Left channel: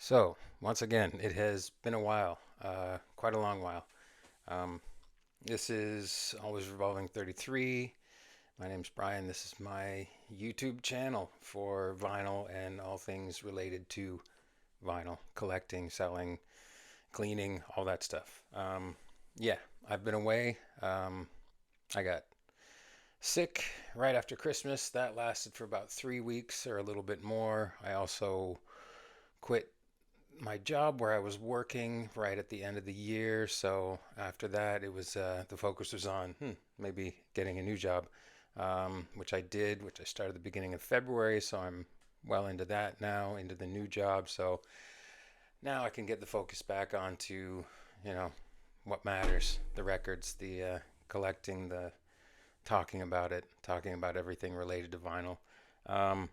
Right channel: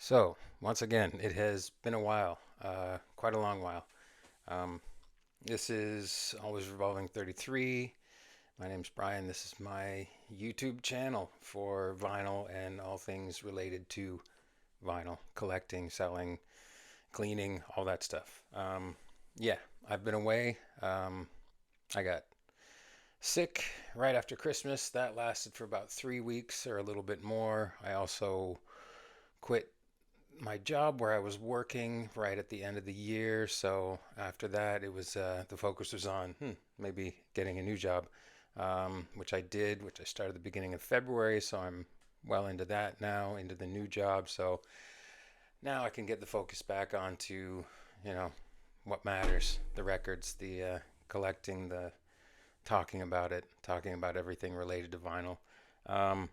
So, once again, it has been a while, quite a long while. Um, this is Always Revolving 33. My name's Brian. This is my YouTube channel for vinyl and all things related to vinyl, collecting, selling, cleaning, all that stuff. Yeah, I've been away. I got sick right after Christmas. That lasted for about 3 weeks or a little bit more. I also quit my job where I was working right at the end of the year. So after that, it was the focus was on maybe getting a new job, which I did, which I started at the beginning of February. So I'm well into that now, into the new job. So now I can get the focus back onto, you know, what matters, the records, the collecting, the talking about it, talking about everything related to vinyl. Um,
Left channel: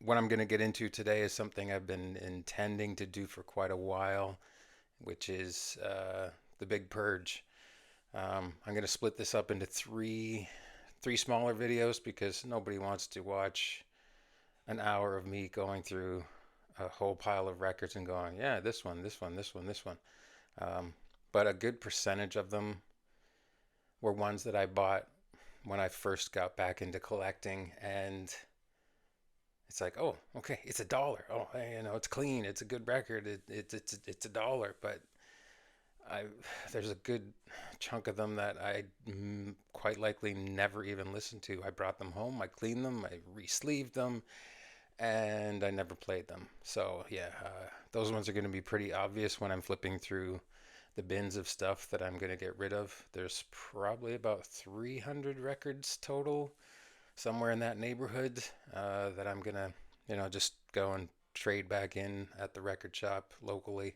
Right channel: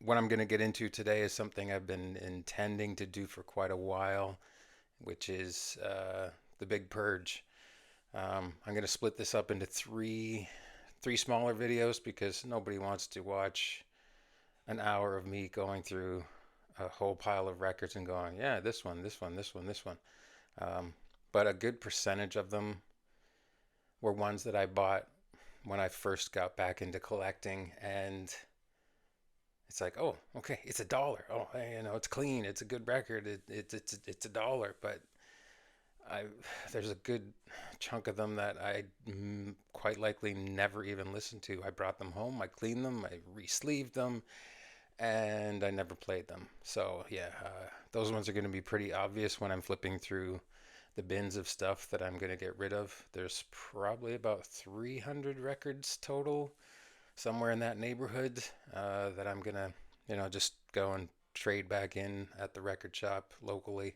what I'm going to get into today is something I've been intending to do for quite a while, which is the big purge. I'm going to split this up into three smaller videos because nobody wants to watch an hour of me going through a whole pile of records and going, yeah, this one, this one, this one, this one. Um, but a good percentage of them were ones that I bought when I first got back into collecting, and it's like, oh, okay, it's $1. Oh, it's clean. It's a good record. It's $1. But I there's a good chunk of them that I quite likely never even listened to. I brought them home. I cleaned them. I re-sleeved them, and I never played them. So yeah, those ones are going to be pretty obvious when I'm flipping through the bins of stuff that I'm going to get rid of. There's probably about 300 records total, somewhere in that neighborhood, that I'm gonna, just go and trade back in at the record shop locally,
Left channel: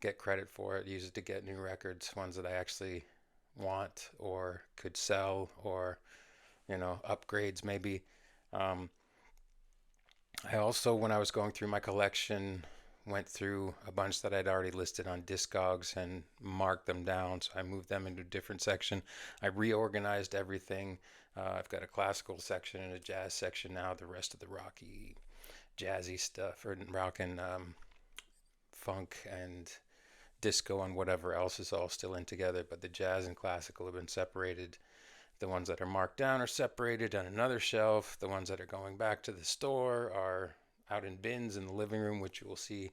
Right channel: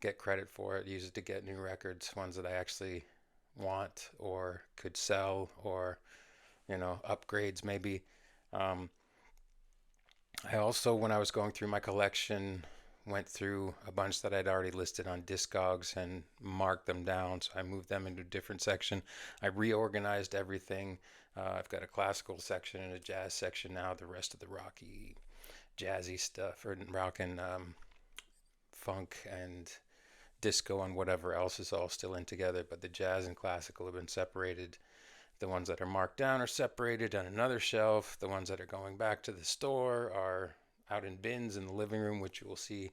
get credit for it, use it to get new records, ones that I actually want or could sell, or upgrades maybe. Um, I also, when I was going through my collection, went through a bunch that I'd already listed on Discogs and marked them down. So I moved them into a different section. I reorganized everything. I've got a classical section and a jazz section now. The rest of the rocky, jazzy stuff, or rock and funk and disco and whatever else is all still in together. But the jazz and classical have been separated. The ones that are marked down are separated on another shelf. The ones that are going back to the store are out in bins in the living room, which you will see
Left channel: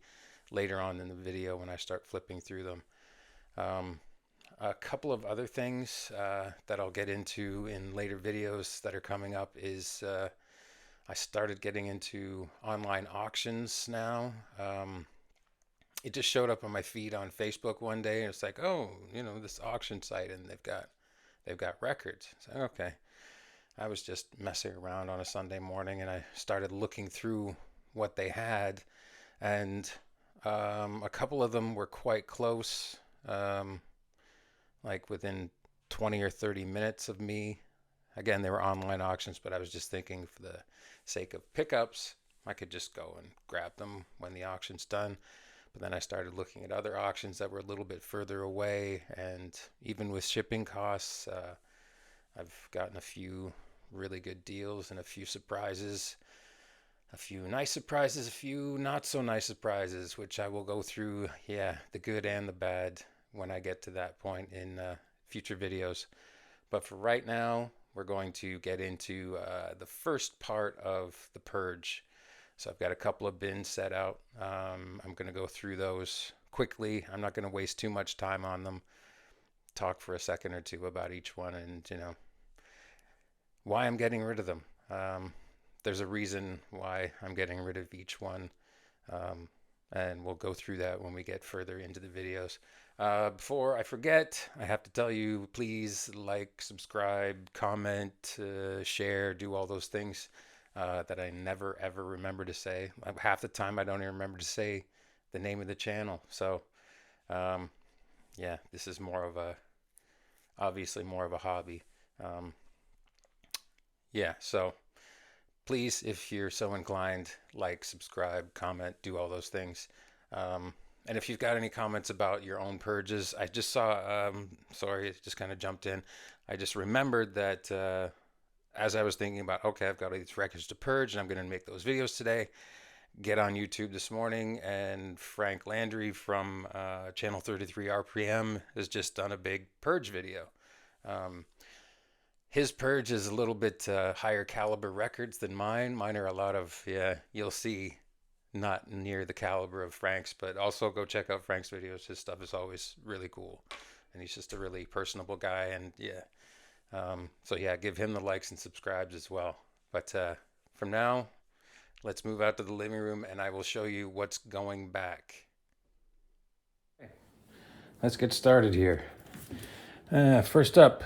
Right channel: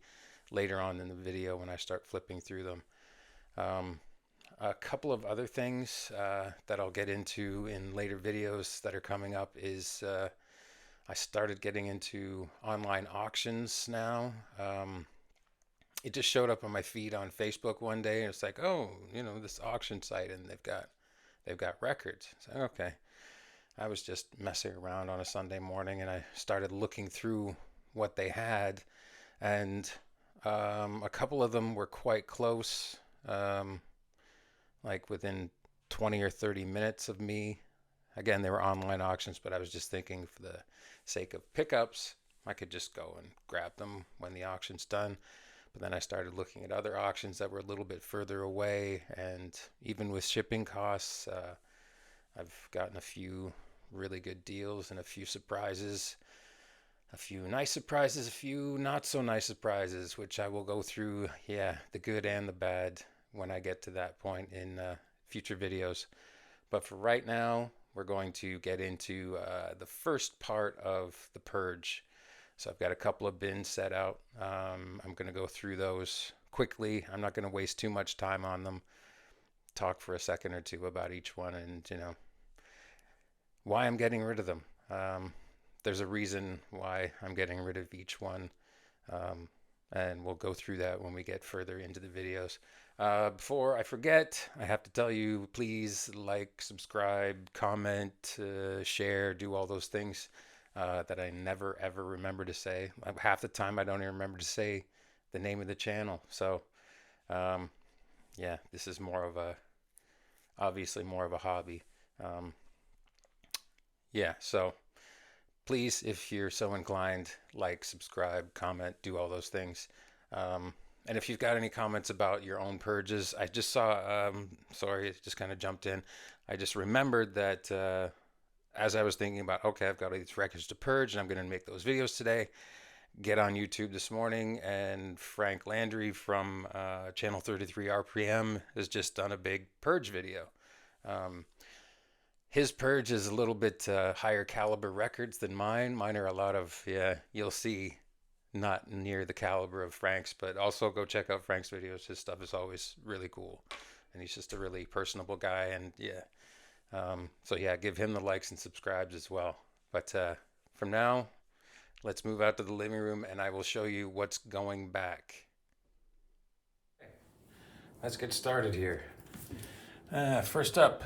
later on in the video when I start flipping through them. Um, a couple of other things that I'll get into in later videos that are coming up is I started getting into online auctions now. It just showed up on my feed on Facebook one day, and it's like, oh, this auction site, and they've got records. So okay, I was just messing around on a Sunday morning, and I started looking through what they had, and a couple of them were quite close, um, like within 20 or 30 minutes of me. Again, they were online auctions, but I was just thinking, for the sake of pickups, I could just go and grab them when the auction's done. But then I started looking at other auctions that were a little bit further away, and even with shipping costs, I've gotten a few really good deals and a few surprises, a few nice surprises, a few not so nice surprises, which I will go through, yeah, the good and the bad when I get to that point in future videos. But for right now, we're going to get into the first part of the purge. So I've got a couple of bins set out. I'm going to go through those quickly. I'm not going to waste too much time on them. Talk for a second or two about each one, and why I'm getting rid of them. There's a reason why I'm getting rid of each one, um, and we'll go through that when we get further into the videos. Before I forget, I have to tell you, please like, subscribe, comment, share, do all those things that I never ever remember to say. Half the time I don't even remember to say the name of the channel. So um, yeah, this is obviously more of a hobby. Um, yeah, so please, if you're so inclined, like, subscribe, comment, do all those things. And if you've got any comments about your own purges, I just saw, sorry, it just kind of jumped in. I just remembered that as I was thinking about, okay, I've got all these records to purge and I'm going to make those videos today, get on YouTube this morning, and Frank Landry from Channel 33 RPM has just done a big Purge video. Um, his Purge is a little bit higher caliber records than mine. Mine are a lot of, yeah, you'll see, not near the caliber of Frank's, but also go check out Frank's videos. His stuff is always really cool. And he's just a really personable guy. And yeah, so yeah, give him the likes and subscribes as well. But from now, let's move out to the living room and I will show you what's going back. Let's get started here. First up,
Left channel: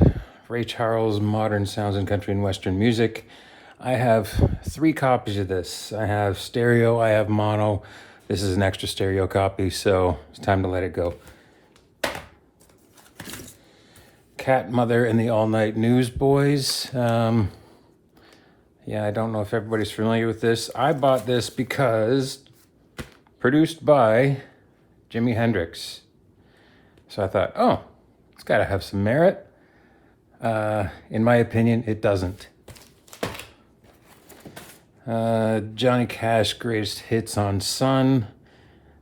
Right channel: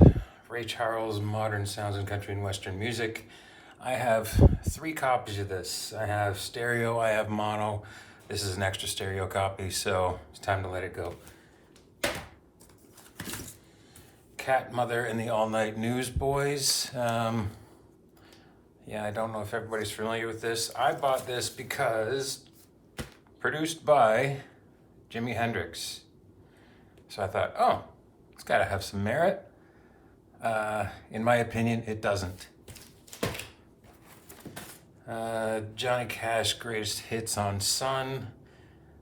Ray Charles, Modern Sounds in Country and Western Music. I have 3 copies of this. I have stereo, I have mono. This is an extra stereo copy, so it's time to let it go. Cat Mother and the All Night Newsboys. Yeah, I don't know if everybody's familiar with this. I bought this because produced by Jimi Hendrix. So I thought, oh, it's got to have some merit. In my opinion, it doesn't. Johnny Cash, Greatest Hits on Sun.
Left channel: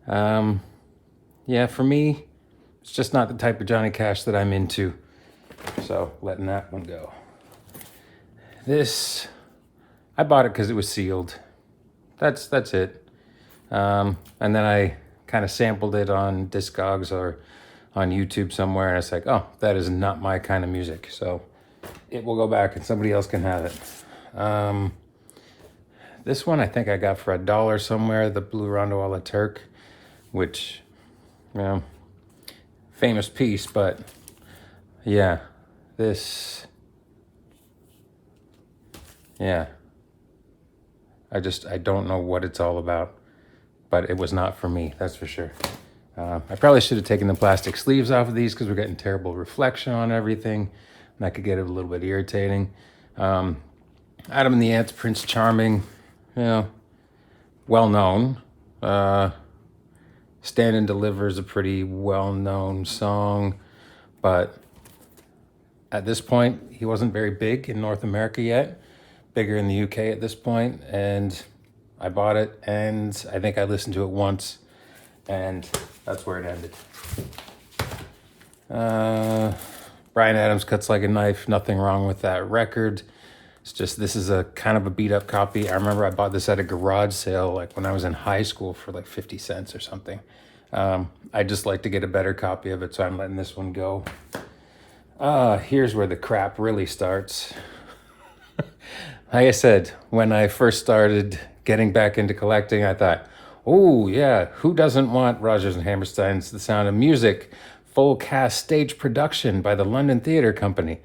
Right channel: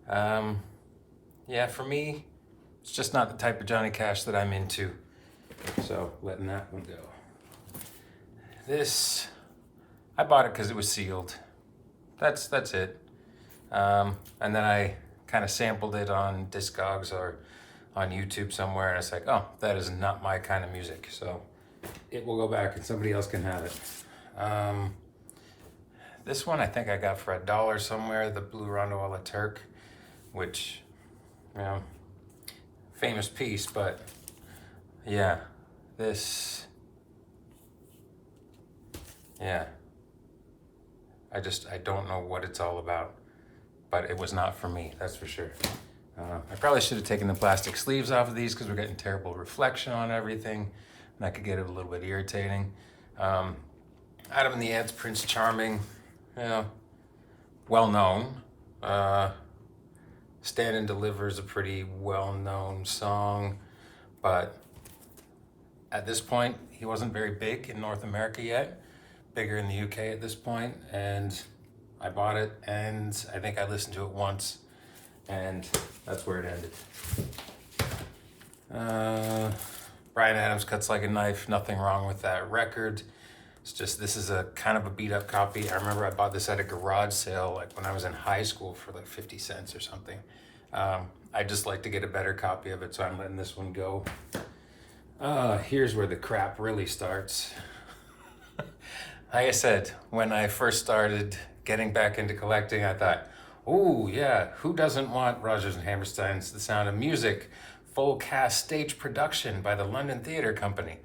Yeah, for me, it's just not the type of Johnny Cash that I'm into. So letting that one go. This, I bought it because it was sealed. That's it. And then I kind of sampled it on Discogs or on YouTube somewhere, and it's like, oh, that is not my kind of music. So it will go back and somebody else can have it. This one I think I got for $1 somewhere, the Blue Rondo a la Turk, which, you know, famous piece, but yeah, this, yeah. I don't know what it's all about, but it was not for me, that's for sure. I probably should have taken the plastic sleeves off of these because we're getting terrible reflection on everything, and that could get it a little bit irritating. Adam and the Ants, Prince Charming, you know, well known. Stand and Deliver is a pretty well-known song, but at this point, he wasn't very big in North America yet. Bigger in the UK at this point, and I bought it, and I think I listened to it once, and that's where it ended. Bryan Adams, Cuts Like a Knife, nothing wrong with that record. It's just, this is a kind of a beat up copy. I remember I bought this at a garage sale like when I was in high school for like 50 cents or something. I just like to get a better copy of it, so I'm letting this one go. Here's where the crap really starts. Like I said, when I first started getting back into collecting, I thought, oh yeah, who doesn't want Rodgers and Hammerstein's The Sound of Music full cast stage production by the London Theatre Company?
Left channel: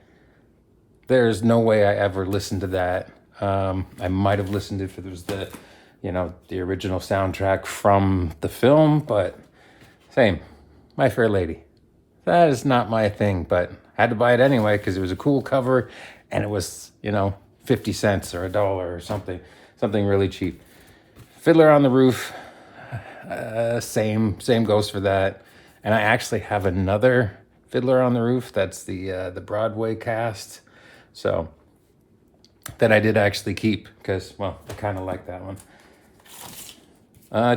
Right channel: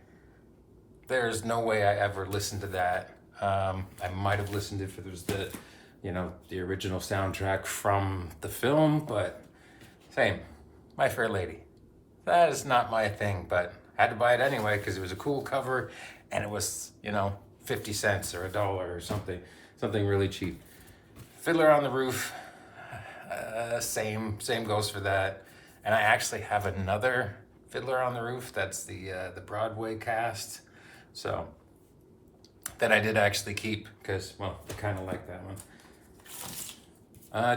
There's no way I ever listened to that. I might have listened if it was the, you know, the original soundtrack from the film, but same, My Fair Lady. That is not my thing, but I had to buy it anyway because it was a cool cover and it was, you know, 50 cents or $1 or something really cheap. Fiddler on the Roof, same goes for that. And I actually have another Fiddler on the Roof. That's the Broadway cast. So that I did actually keep because, well, I kind of like that one.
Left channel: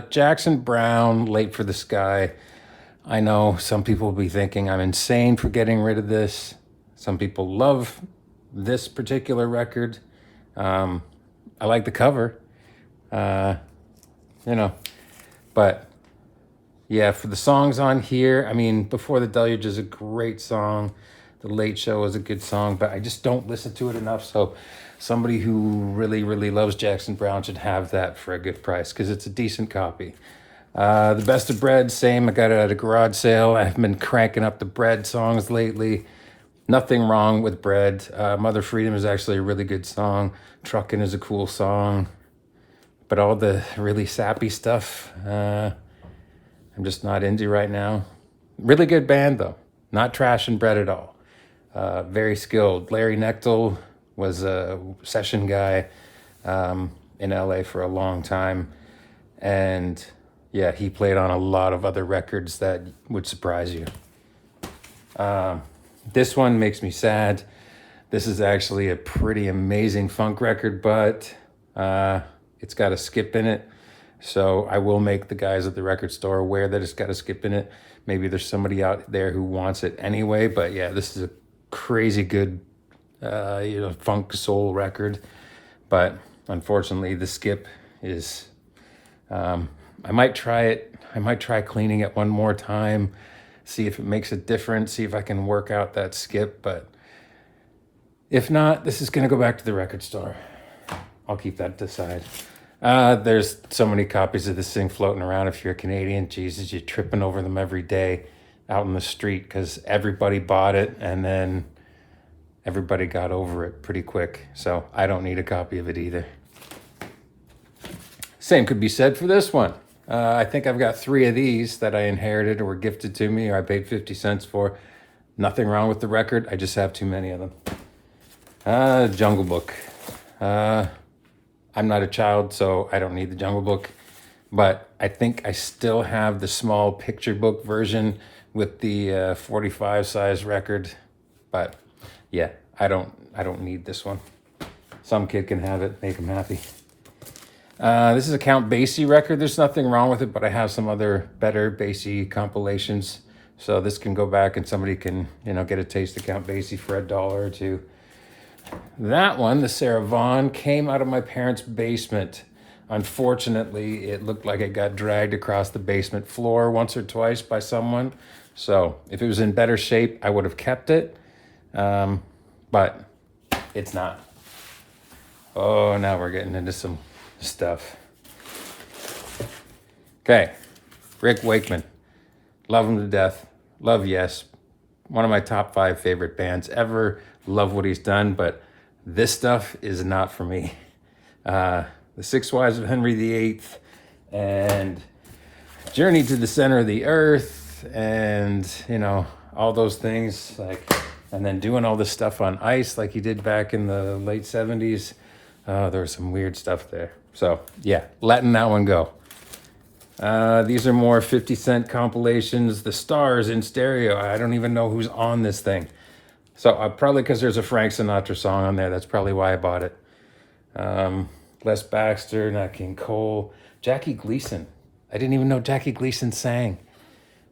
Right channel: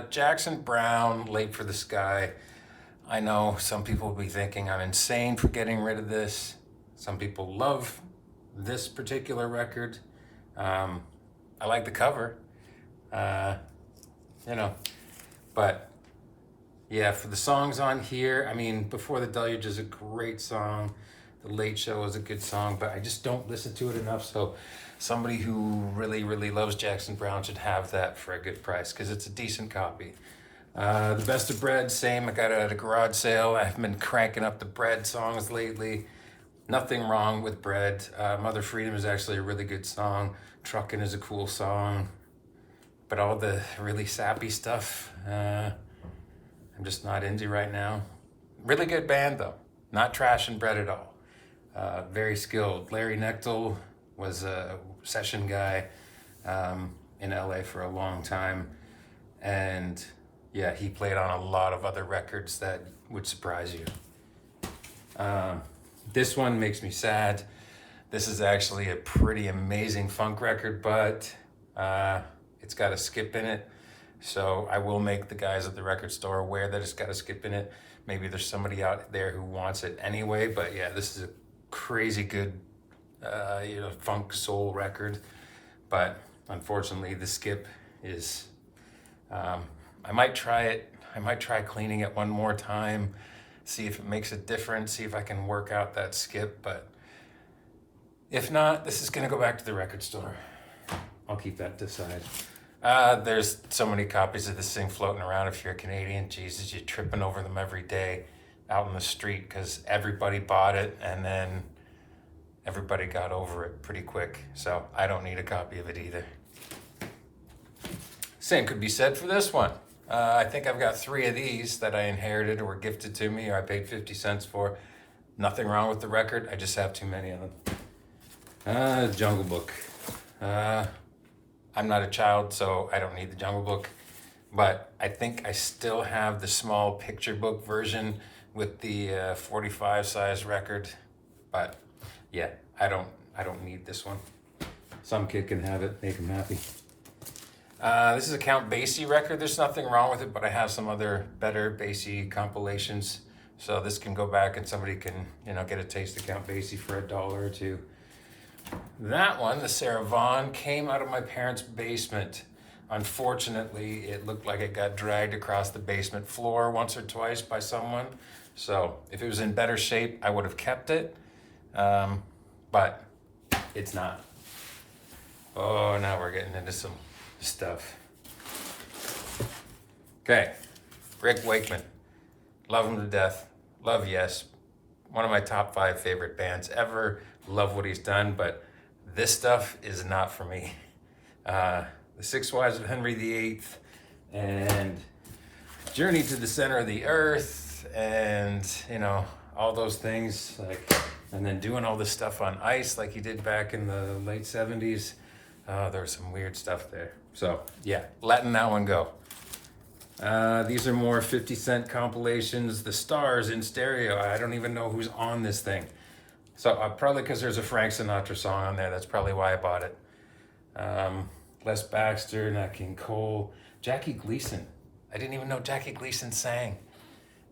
Jackson Browne, Late for the Sky. I know some people will be thinking I'm insane for getting rid of this. Some people love this particular record. I like the cover, you know, but yeah, for the songs on here, I mean, Before the Deluge is a great song. The Late Show is a good song, but I just don't listen to it enough. So somebody who really, really loves Jackson Browne should have that for a good price because it's a decent copy. The Best of Bread, same. I got it at a garage sale. I've been cranking up the Bread songs lately. Nothing wrong with Bread. Mother Freedom is actually a really good song. Truckin' is a cool song. But all the really sappy stuff, I'm just not into right now. Really good band though. Not trashing Bread at all. Very skilled. Larry Knechtel was a session guy in LA for a long time. And yeah, he played on a lot of other records that would surprise you. This one makes me sad. This is actually a pretty amazing funk record, but it's got a skip in it. So I will make the guys at the record store aware that it's got a skip in it. Maybe there's somebody out there who wants it anyway. But yeah, this is a crazy good, funk soul record. But unfortunately, the skip is. I might try it. I might try cleaning it one more time, see if it makes a difference, see if I can work out that skip. But if not, this is going to go back to the record store. I'll keep that to the side. There's so many copies of this thing floating around. If you're a Canadian, Jesus, you're tripping over them every day out in the street because everybody bought it and then everybody got over it pretty quick. So I don't need a copy of it either. Same could be said for this one. I think I've got 3 of these that I inherited or were gifted to me or I paid 50 cents for. Nothing wrong with the record. I just have too many of them. Jungle Book. I'm not a child, so I don't need the Jungle Book. But I think I still have the small picture book version with the 45 size record. But yeah, I don't need this one. Some kid can have it, make him happy. This is a Count Basie record. There's nothing wrong with it, but I have some other better Basie compilations. So this can go back and somebody can, get a taste of Count Basie for $1 or $2. That one, the Sarah Vaughan, came out of my parents' basement. Unfortunately, it looked like it got dragged across the basement floor once or twice by someone. So if it was in better shape, I would have kept it. But it's not. Oh, now we're getting into some stuff. Okay, Rick Wakeman. Love him to death. Love Yes. One of my top 5 favorite bands ever. Love what he's done, but this stuff is not for me. The 6 Wives of Henry VIII and Journey to the Center of the Earth and, all those things, and then doing all this stuff on ice like he did back in the late 70s. There was some weird stuff there. So yeah, letting that one go. These are more 50 Cent compilations. The Stars in stereo. I don't even know who's on this thing. So probably because there's a Frank Sinatra song on there. That's probably why I bought it. Les Baxter, Nat King Cole. Jackie Gleason. I didn't even know Jackie Gleason sang.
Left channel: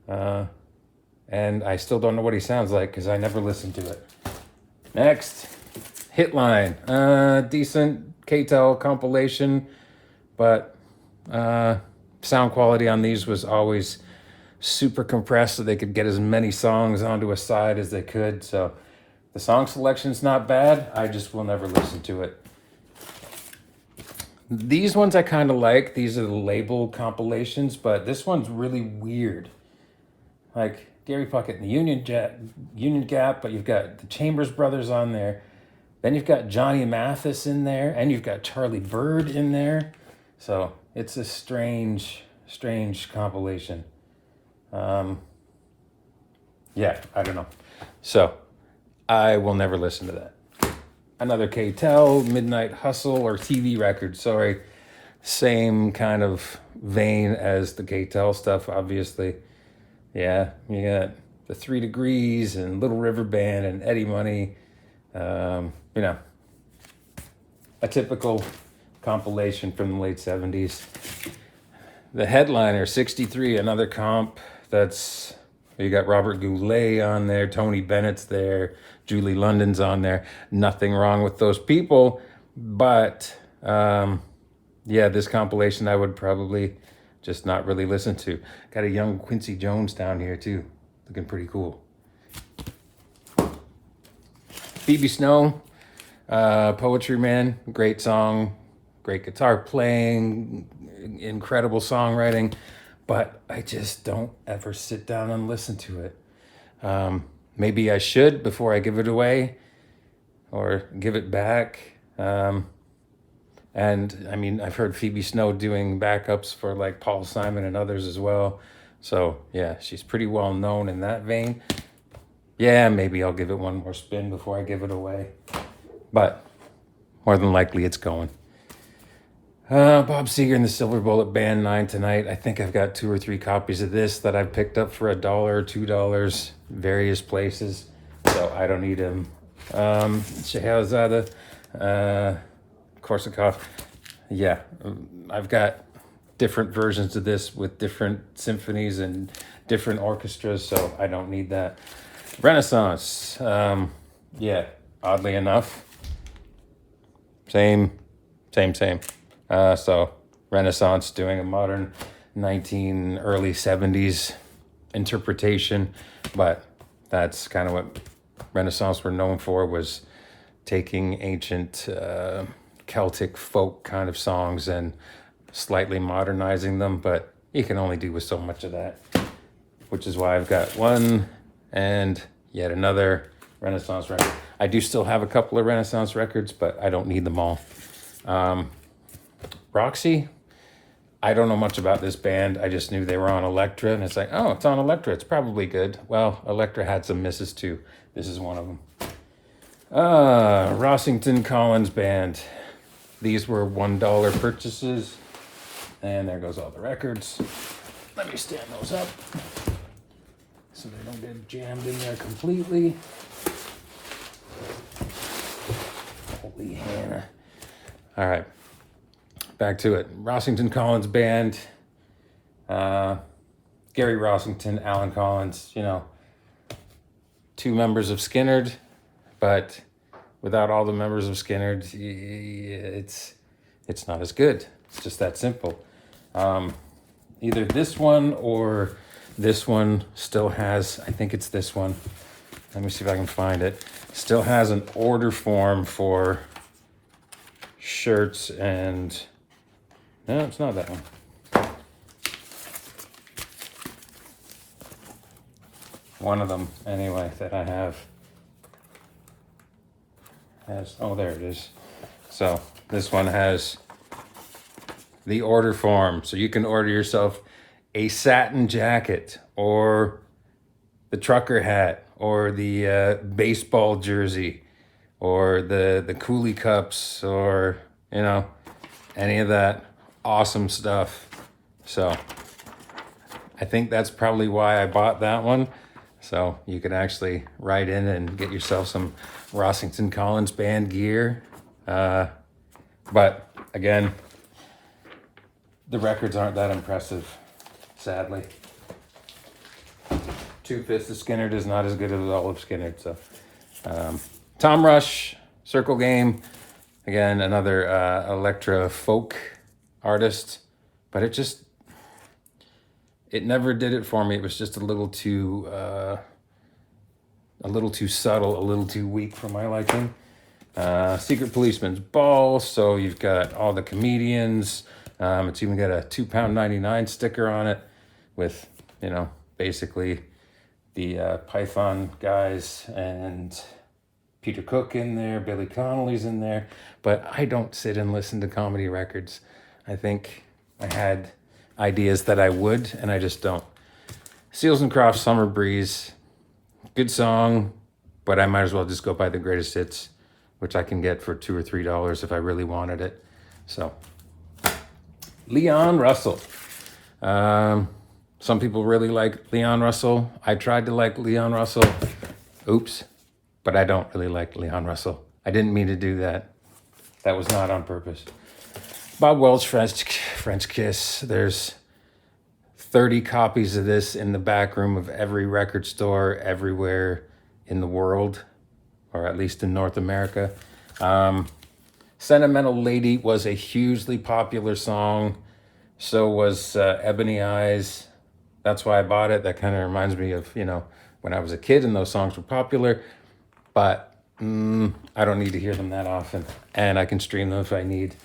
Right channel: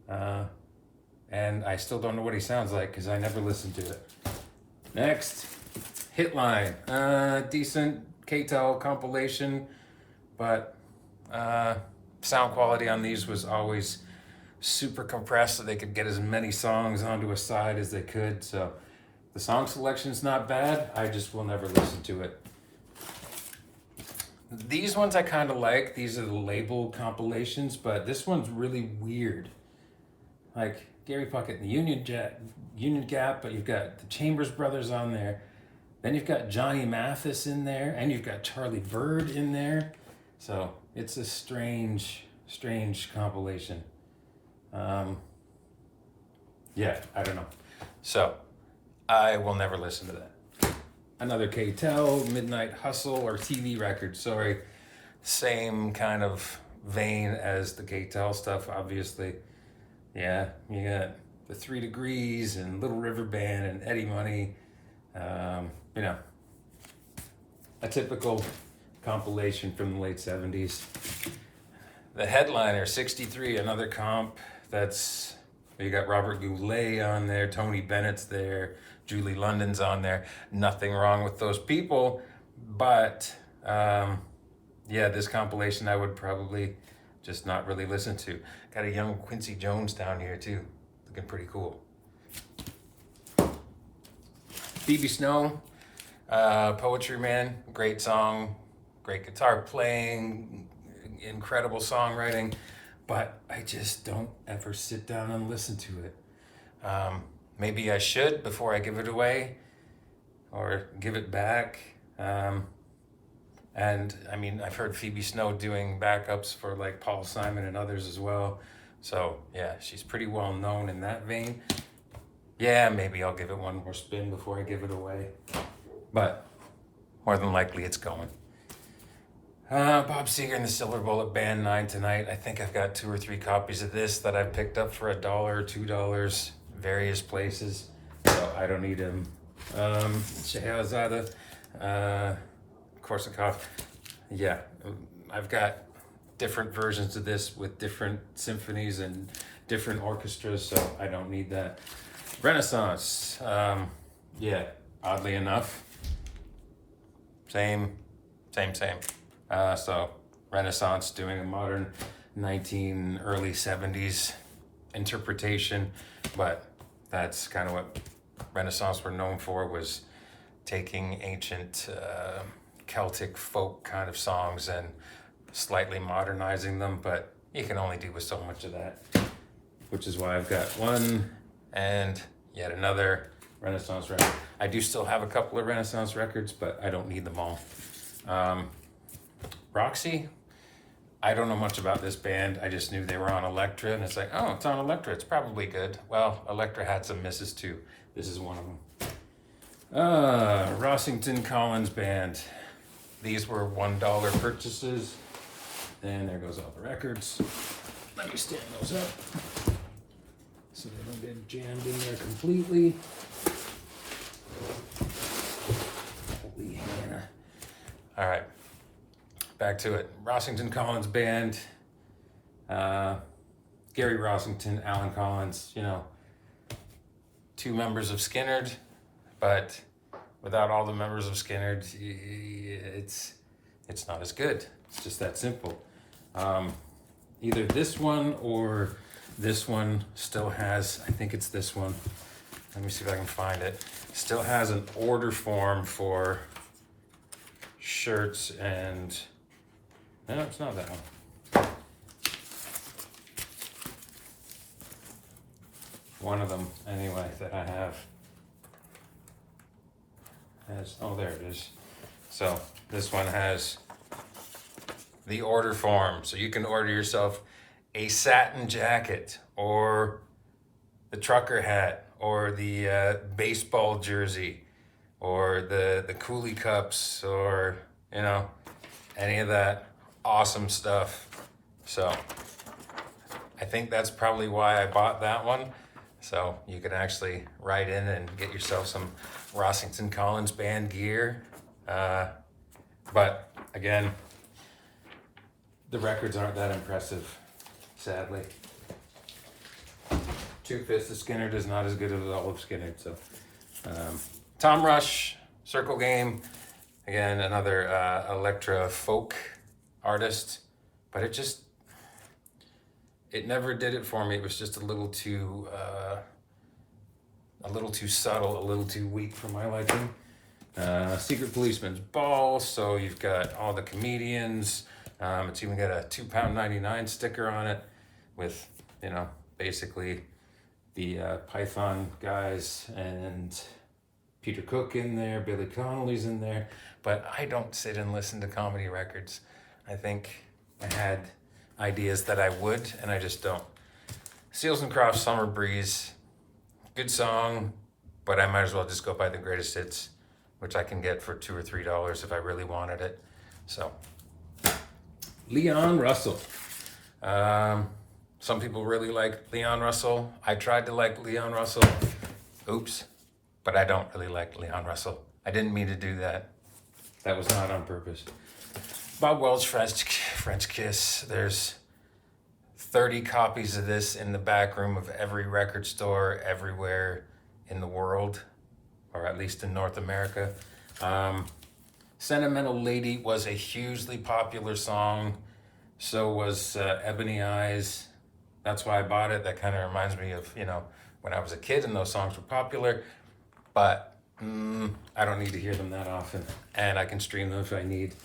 And I still don't know what he sounds like because I never listened to it. Next, Hitline. Decent K-Tel compilation, but sound quality on these was always super compressed so they could get as many songs onto a side as they could. So the song selection's not bad. I just will never listen to it. These ones I kind of like. These are the label compilations, but this one's really weird. Like Gary Puckett and the Union Gap, but you've got the Chambers Brothers on there. Then you've got Johnny Mathis in there, and you've got Charlie Bird in there. So it's a strange compilation. Yeah, I don't know. So I will never listen to that. Another K-Tel, Midnight Hustle, or TV record. Sorry, same kind of vein as the K-Tel stuff, obviously. Yeah, you got the 3 Degrees and Little River Band and Eddie Money. A typical compilation from the late 70s. The Headliner, 63, another comp. That's, you got Robert Goulet on there, Tony Bennett's there, Julie London's on there. Nothing wrong with those people, but this compilation I would probably just not really listen to. Got a young Quincy Jones down here too, looking pretty cool. Phoebe Snow, Poetry Man, great song, great guitar playing, incredible songwriting, but I just don't ever sit down and listen to it. Maybe I should before I give it away or give it back. And I mean, I've heard Phoebe Snow doing backups for like Paul Simon and others as well. So yeah, she's pretty well known in that vein. Yeah, maybe I'll give it one more spin before I give it away. But more than likely it's going. Bob Seger and the Silver Bullet Band 9 Tonight. I think I've got 2 or 3 copies of this that I've picked up for $1 or $2, various places. So I don't need them. Scheherazade, Korsakov. Yeah, I've got different versions of this with different symphonies and different orchestras, so I don't need that. Renaissance, yeah, oddly enough, same. So Renaissance doing a modern early 70s interpretation, but that's kind of what Renaissance were known for, was taking ancient Celtic folk kind of songs and slightly modernizing them, but you can only do with so much of that, which is why I've got one and yet another Renaissance record. I do still have a couple of Renaissance records, but I don't need them all. Roxy, I don't know much about this band. I just knew they were on Elektra, and it's like, oh, it's on Elektra. It's probably good. Well, Elektra had some misses too. This is one of them. Rossington Collins Band. These were $1 purchases. And there goes all the records. Let me stand those up so they don't get jammed in there completely. Holy Hannah. All right. Back to it. Rossington Collins Band. Gary Rossington, Alan Collins, two members of Skynyrd, but without all the members of Skynyrd, it's not as good. It's just that simple. Either this one or this one still has, I think it's this one. Let me see if I can find it. Still has an order form for shirts and, no, it's not that one. One of them, anyway, that I have has, oh, there it is. So this one has the order form. So you can order yourself a satin jacket or the trucker hat or the baseball jersey or the coolie cups or, any of that awesome stuff. So I think that's probably why I bought that one. So you could actually write in and get yourself some Rossington Collins Band gear. But again, the records aren't that impressive, sadly. Two-Fifths of Skynyrd is not as good as all of Skynyrd. So, Tom Rush, Circle Game, again, another Elektra folk artist, but it never did it for me. It was just a little too subtle, a little too weak for my liking. Secret Policeman's Ball. So you've got all the comedians. It's even got a £2.99 sticker on it with, basically the Python guys and Peter Cook in there, Billy Connolly's in there. But I don't sit and listen to comedy records. I think I had ideas that I would, and I just don't. Seals and Crofts, Summer Breeze, good song, but I might as well just go buy the greatest hits, which I can get for $2 or $3 if I really wanted it. So, Leon Russell. Some people really like Leon Russell. I tried to like Leon Russell. Oops. But I don't really like Leon Russell. I didn't mean to do that. That was not on purpose. Bob Welch, French Kiss. There's 30 copies of this in the back room of every record store everywhere in the world, or at least in North America. Sentimental Lady was a hugely popular song. So was Ebony Eyes. That's why I bought it. That kind of reminds me of, when I was a kid and those songs were popular. But I don't need to hear them that often. And I can stream them if I need.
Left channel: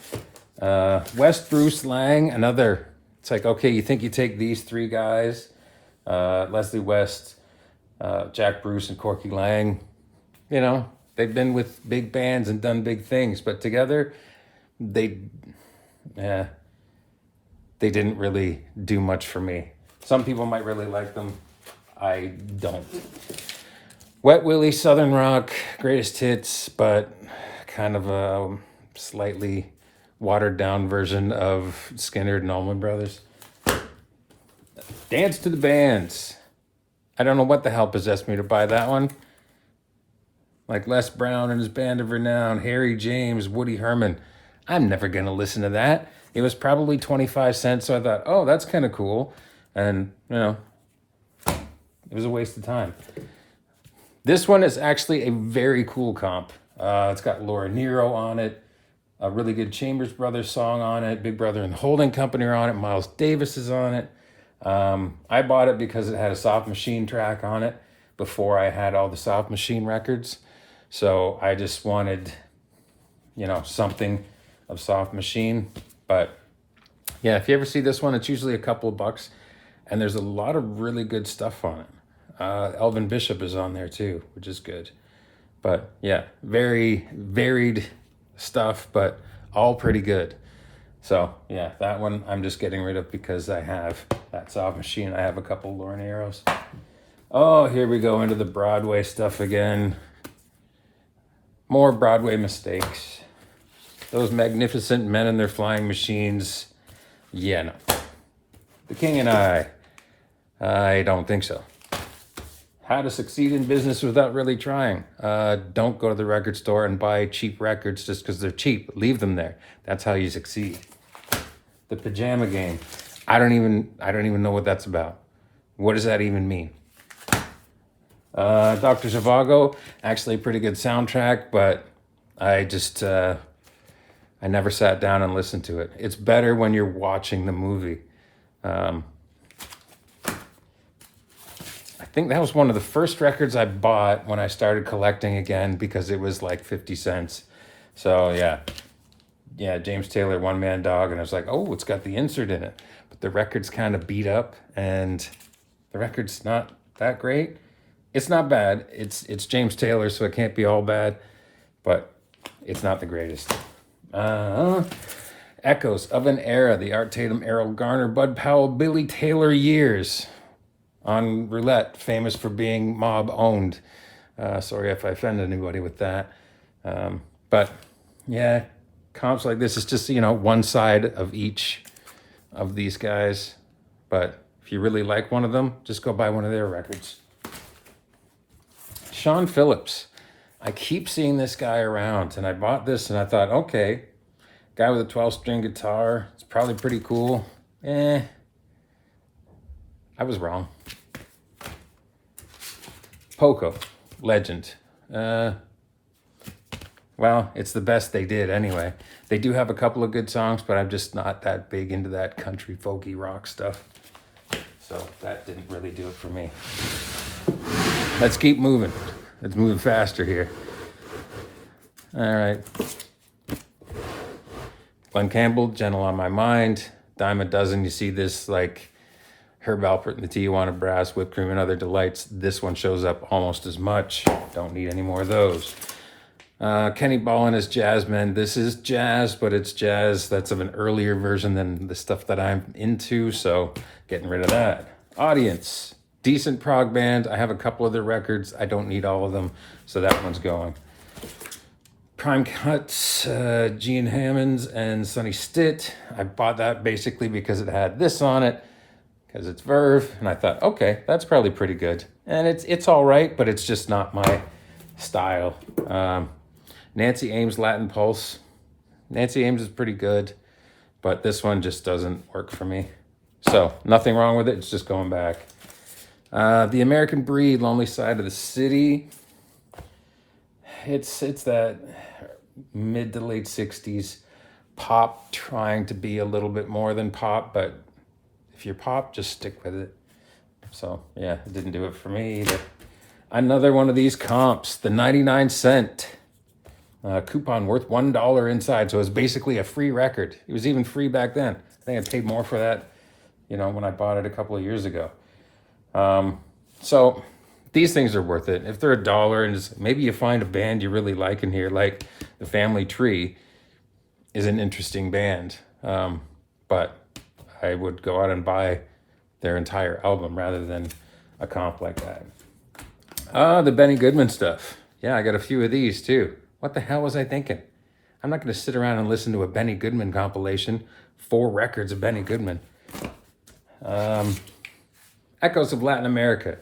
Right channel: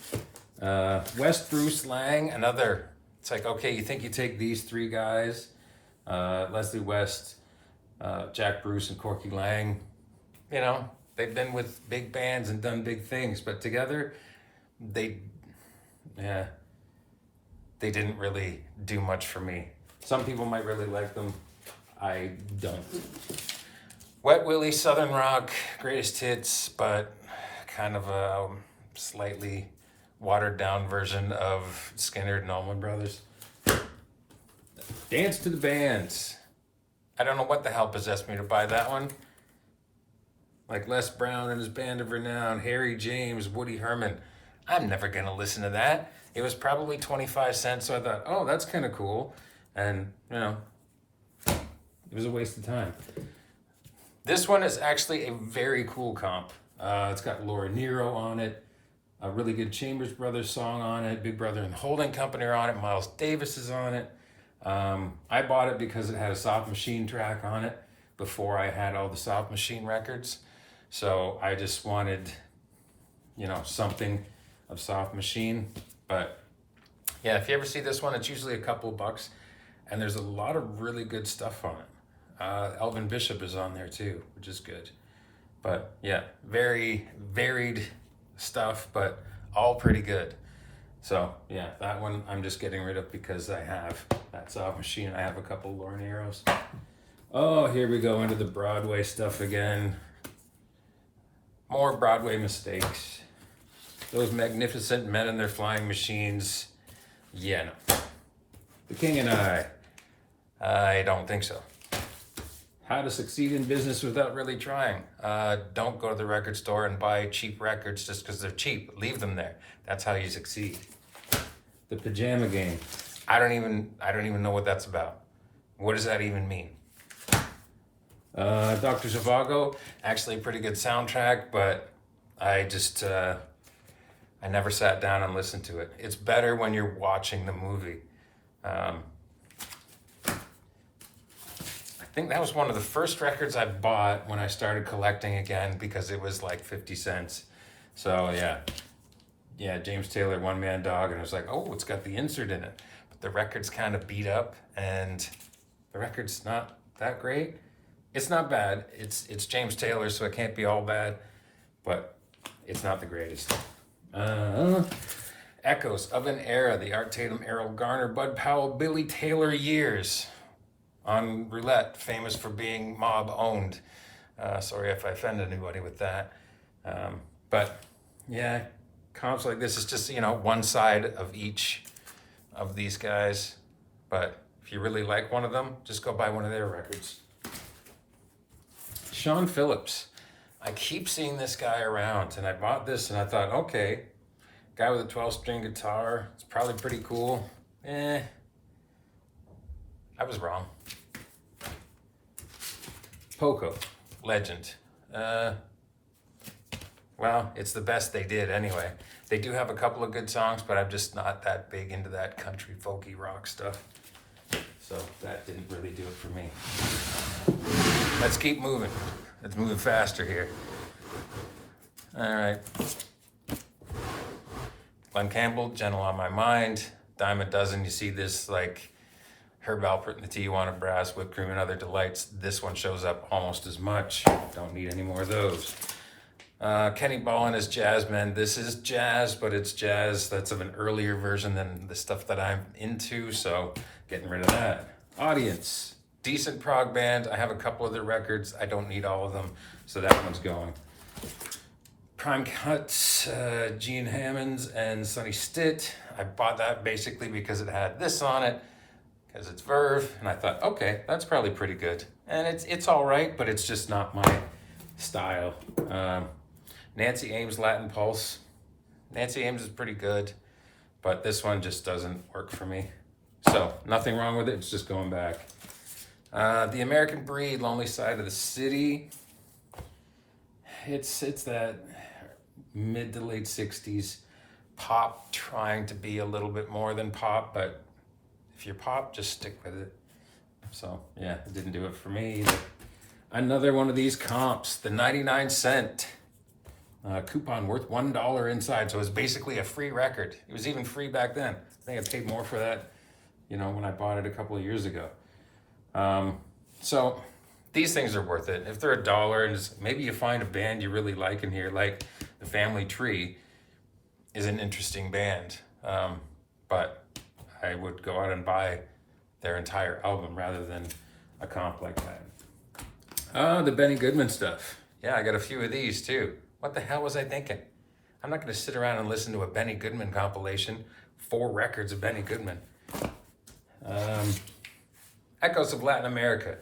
West Bruce Lang, another. It's like, okay, you think you take these three guys, Leslie West, Jack Bruce, and Corky Lang, they've been with big bands and done big things, but together, they didn't really do much for me. Some people might really like them. I don't. Wet Willie, Southern Rock, greatest hits, but kind of a slightly watered down version of Skynyrd and Allman Brothers. Dance to the Bands. I don't know what the hell possessed me to buy that one. Like Les Brown and his Band of Renown, Harry James, Woody Herman. I'm never going to listen to that. It was probably 25 cents, so I thought, oh, that's kind of cool. And, it was a waste of time. This one is actually a very cool comp. It's got Laura Nyro on it, a really good Chambers Brothers song on it, Big Brother and the Holding Company are on it, Miles Davis is on it. I bought it because it had a Soft Machine track on it before I had all the Soft Machine records. So I just wanted, something of Soft Machine. But yeah, if you ever see this one, it's usually a couple of bucks, and there's a lot of really good stuff on it. Elvin Bishop is on there too, which is good. But yeah, very varied stuff, but all pretty good. So yeah, that one I'm just getting rid of because I have that Soft Machine. I have a couple Lauren Arrows. Oh, here we go into the Broadway stuff again. More Broadway mistakes. Those magnificent men and their flying machines. Yeah, no. The King and I don't think so. How to succeed in business without really trying. Don't go to the record store and buy cheap records just because they're cheap. Leave them there. That's how you succeed. The Pajama Game. I don't even know what that's about. What does that even mean? Dr. Zhivago, actually a pretty good soundtrack, but I never sat down and listened to it. It's better when you're watching the movie. I think that was one of the first records I bought when I started collecting again because it was like 50 cents. So yeah, James Taylor, One Man Dog, and I was like, oh, it's got the insert in it. But the record's kind of beat up, and the record's not that great. It's not bad. It's James Taylor, so it can't be all bad, but it's not the greatest. Echoes of an Era, the Art Tatum, Errol Garner, Bud Powell, Billy Taylor years on Roulette, famous for being mob owned. Sorry if I offended anybody with that. But yeah, comps like this is just, one side of each of these guys. But if you really like one of them, just go buy one of their records. Sean Phillips. I keep seeing this guy around, and I bought this and I thought, okay, guy with a 12-string guitar, it's probably pretty cool. I was wrong. Poco, legend. Well, it's the best they did anyway. They do have a couple of good songs, but I'm just not that big into that country folky rock stuff. So that didn't really do it for me. Let's keep moving. Let's move faster here. All right. Glenn Campbell, Gentle on My Mind. Dime a dozen. You see this like Herb Alpert and the Tijuana Brass, Whipped Cream and Other Delights. This one shows up almost as much. Don't need any more of those. Kenny Ball and his Jazzmen. This is jazz, but it's jazz that's of an earlier version than the stuff that I'm into, so getting rid of that. Audience. Decent prog band. I have a couple of their records. I don't need all of them, so that one's going. Prime Cuts, Gene Hammonds and Sonny Stitt. I bought that basically because it had this on it, because it's Verve, and I thought, okay, that's probably pretty good. And it's all right, but it's just not my style. Nancy Ames, Latin Pulse. Nancy Ames is pretty good, but this one just doesn't work for me. So nothing wrong with it, it's just going back. The American Breed, Lonely Side of the City. It's that mid to late 60s pop trying to be a little bit more than pop, but if you're pop, just stick with it. So yeah, it didn't do it for me either. Another one of these comps, the 99-cent coupon worth $1 inside. So it was basically a free record. It was even free back then. I think I paid more for that, when I bought it a couple of years ago. So these things are worth it. If they're $1 and maybe you find a band you really like in here, like the Family Tree is an interesting band. But I would go out and buy their entire album rather than a comp like that. The Benny Goodman stuff. Yeah, I got a few of these too. What the hell was I thinking? I'm not going to sit around and listen to a Benny Goodman compilation. 4 records of Benny Goodman. Echoes of Latin America.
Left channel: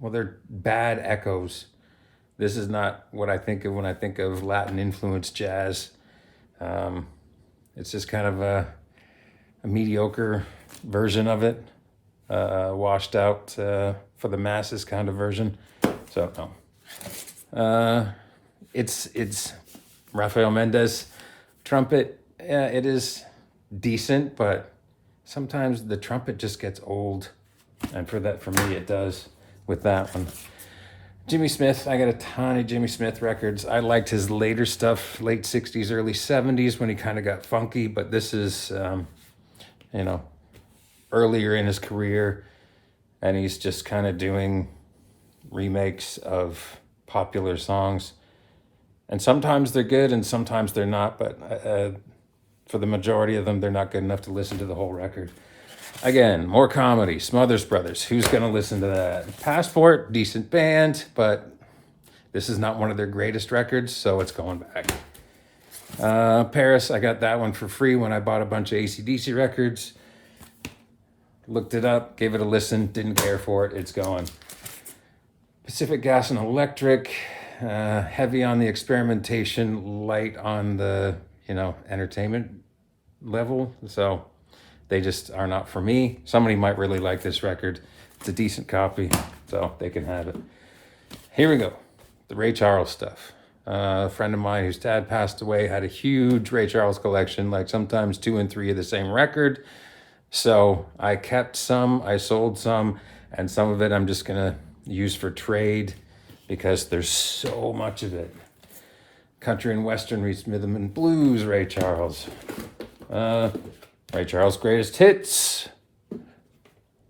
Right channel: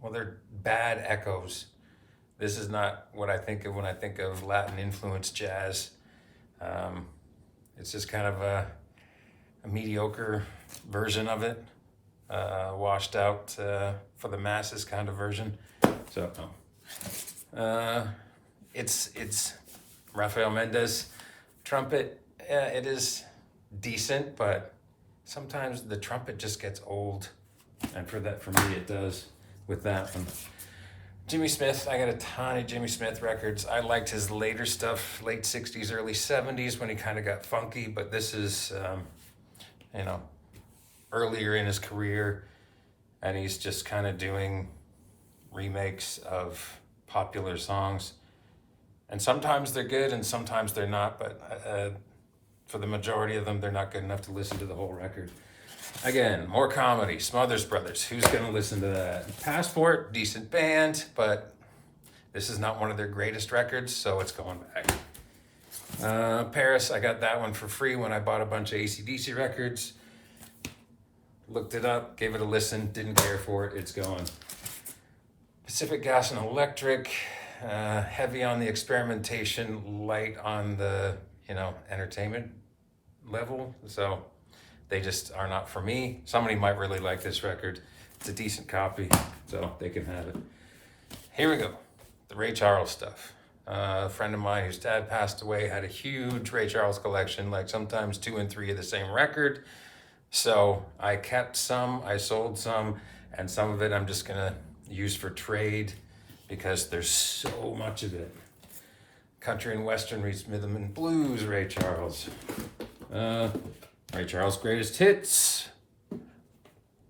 Well, they're bad echoes. This is not what I think of when I think of Latin influenced jazz. It's just kind of a mediocre version of it, washed out for the masses kind of version. So it's Rafael Mendez trumpet. Yeah, it is decent, but sometimes the trumpet just gets old, and for me it does with that one. Jimmy Smith, I got a ton of Jimmy Smith records. I liked his later stuff, late 60s, early 70s, when he kind of got funky, but this is, earlier in his career, and he's just kind of doing remakes of popular songs. And sometimes they're good and sometimes they're not, but for the majority of them, they're not good enough to listen to the whole record. Again, more comedy, Smothers Brothers. Who's going to listen to that? Passport, decent band, but this is not one of their greatest records, so it's going back. Paris, I got that one for free when I bought a bunch of AC/DC records. Looked it up, gave it a listen, didn't care for it, it's gone. Pacific Gas and Electric, heavy on the experimentation, light on the, entertainment level. So they just are not for me. Somebody might really like this record. It's a decent copy, so they can have it. Here we go, the Ray Charles stuff. A friend of mine whose dad passed away had a huge Ray Charles collection, like sometimes 2 and 3 of the same record. So I kept some, I sold some, and some of it I'm just gonna use for trade because there's so much of it. Country and Western, rhythm and blues, Ray Charles. Ray Charles' greatest hits.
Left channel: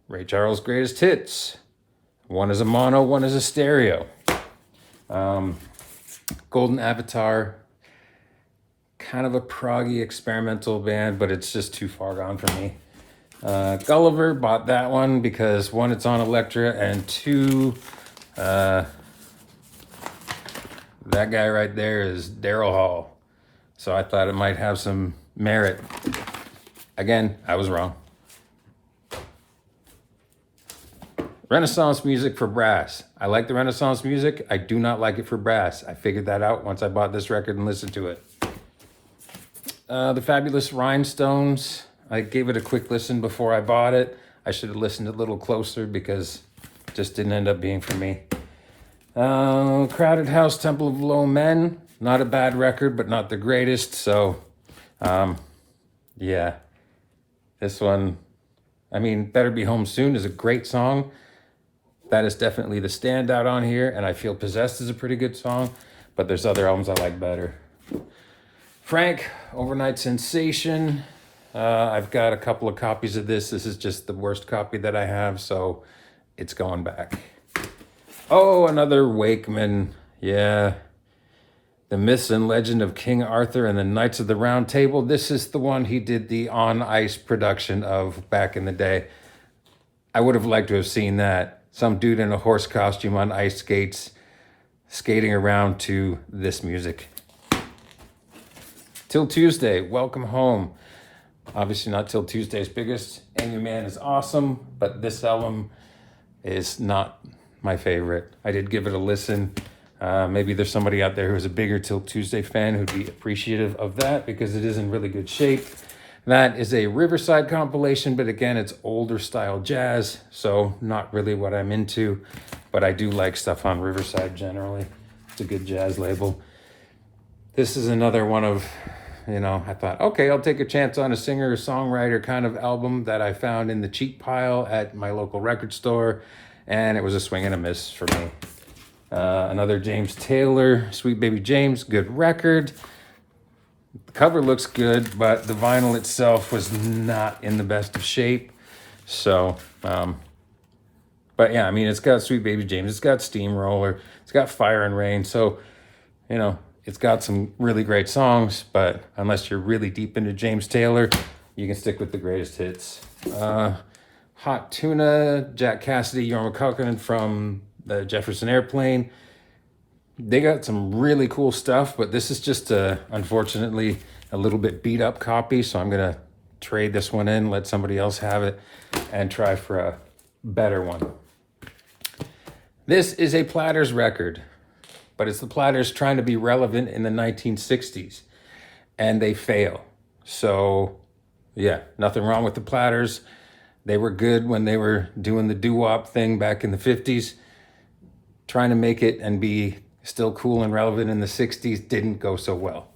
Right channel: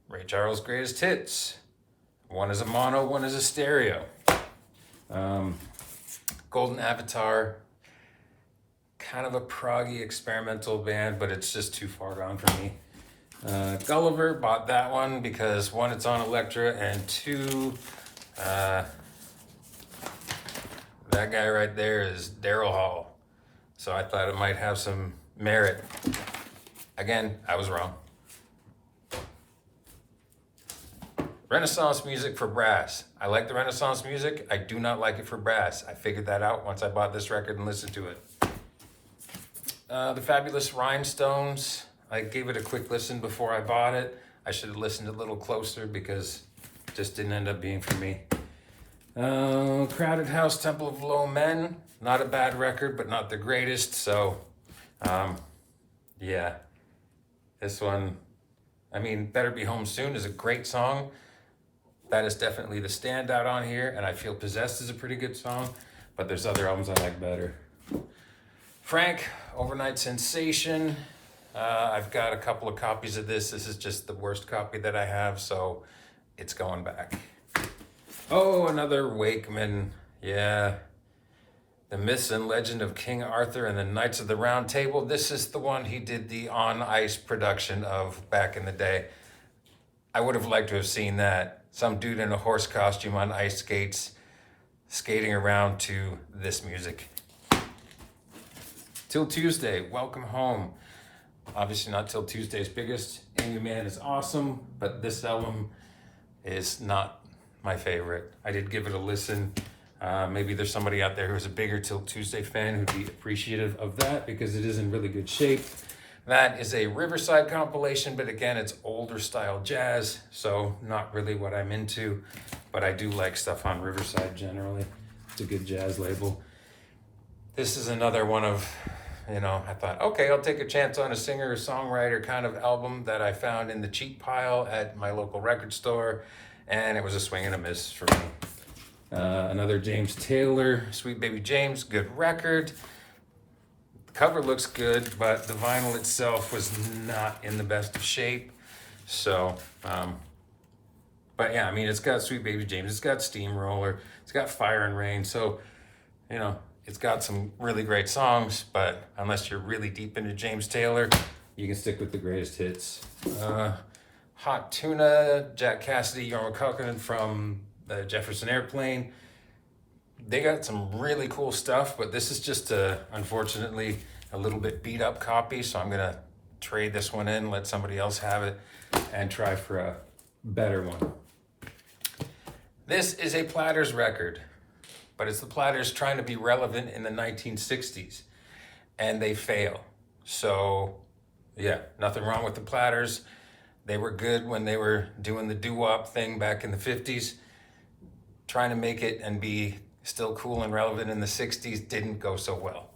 Ray Charles' greatest hits. One is a mono, one is a stereo. Golden Avatar, kind of a proggy experimental band, but it's just too far gone for me. Gulliver, bought that one because 1, it's on Elektra, and 2, that guy right there is Daryl Hall. So I thought it might have some merit. Again, I was wrong. Renaissance music for brass. I like the Renaissance music. I do not like it for brass. I figured that out once I bought this record and listened to it. The Fabulous Rhinestones. I gave it a quick listen before I bought it. I should have listened a little closer because it just didn't end up being for me. Crowded House, Temple of Low Men. Not a bad record, but not the greatest. So, yeah. This one, Better Be Home Soon is a great song. That is definitely the standout on here, and I feel Possessed is a pretty good song, but there's other albums I like better. Frank, Overnight Sensation. I've got a couple of copies of this. This is just the worst copy that I have, so it's going back. Oh, another Wakeman. Yeah. The Myths and Legend of King Arthur and the Knights of the Round Table. This is the one he did the on ice production of back in the day. I would have liked to have seen that. Some dude in a horse costume on ice skates, skating around to this music. Till Tuesday, Welcome Home. Obviously not Till Tuesday's biggest. Amy Man is awesome, but this album is not my favorite. I did give it a listen. Maybe there's somebody out there who's a bigger Till Tuesday fan who'd be appreciative of that because it is in really good shape. That is a Riverside compilation, but again, it's older style jazz, so not really what I'm into, but I do like stuff on Riverside generally. It's a good jazz label. This is another one of, I thought, okay, I'll take a chance on a singer-songwriter kind of album that I found in the cheap pile at my local record store, and it was a swing and a miss for me. Another James Taylor, Sweet Baby James, good record. The cover looks good, but the vinyl itself was not in the best of shape. So, but yeah, it's got Sweet Baby James, it's got Steamroller, it's got Fire and Rain, so, it's got some really great songs, but unless you're really deep into James Taylor, you can stick with the greatest hits. Hot Tuna, Jack Cassidy, Jorma Kaukonen from the Jefferson Airplane. They got some really cool stuff, but this is just unfortunately a little bit beat up copy, so I'm gonna trade this one in, let somebody else have it, and try for a better one. This is a Platters record, but it's the Platters trying to be relevant in the 1960s, and they fail. So, yeah, nothing wrong with the Platters. They were good when they were doing the doo-wop thing back in the 50s. Trying to make it and be still cool and relevant in the 60s didn't go so well.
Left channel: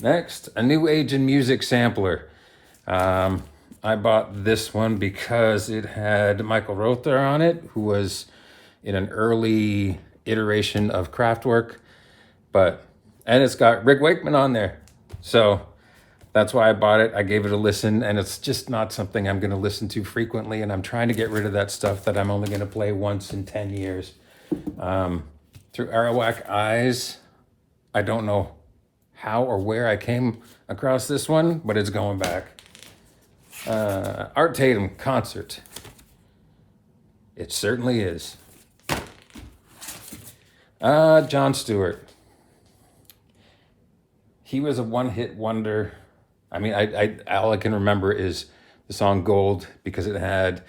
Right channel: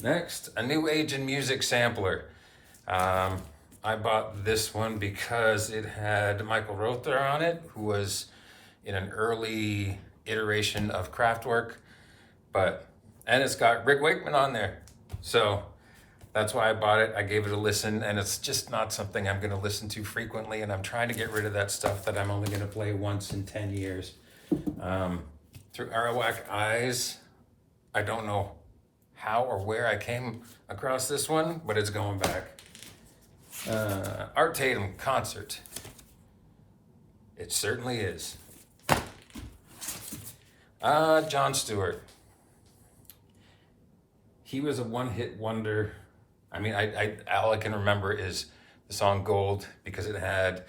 Next, a new age in music sampler. Um, I bought this one because it had Michael Rother on it, who was in an early iteration of Kraftwerk, and it's got Rick Wakeman on there. So that's why I bought it. I gave it a listen, and it's just not something I'm going to listen to frequently. And I'm trying to get rid of that stuff that I'm only going to play once in 10 years. Through Arawak Eyes, I don't know how or where I came across this one, but it's going back. Art Tatum concert. It certainly is. John Stewart. He was a one-hit wonder. I mean, all I can remember is the song Gold because it had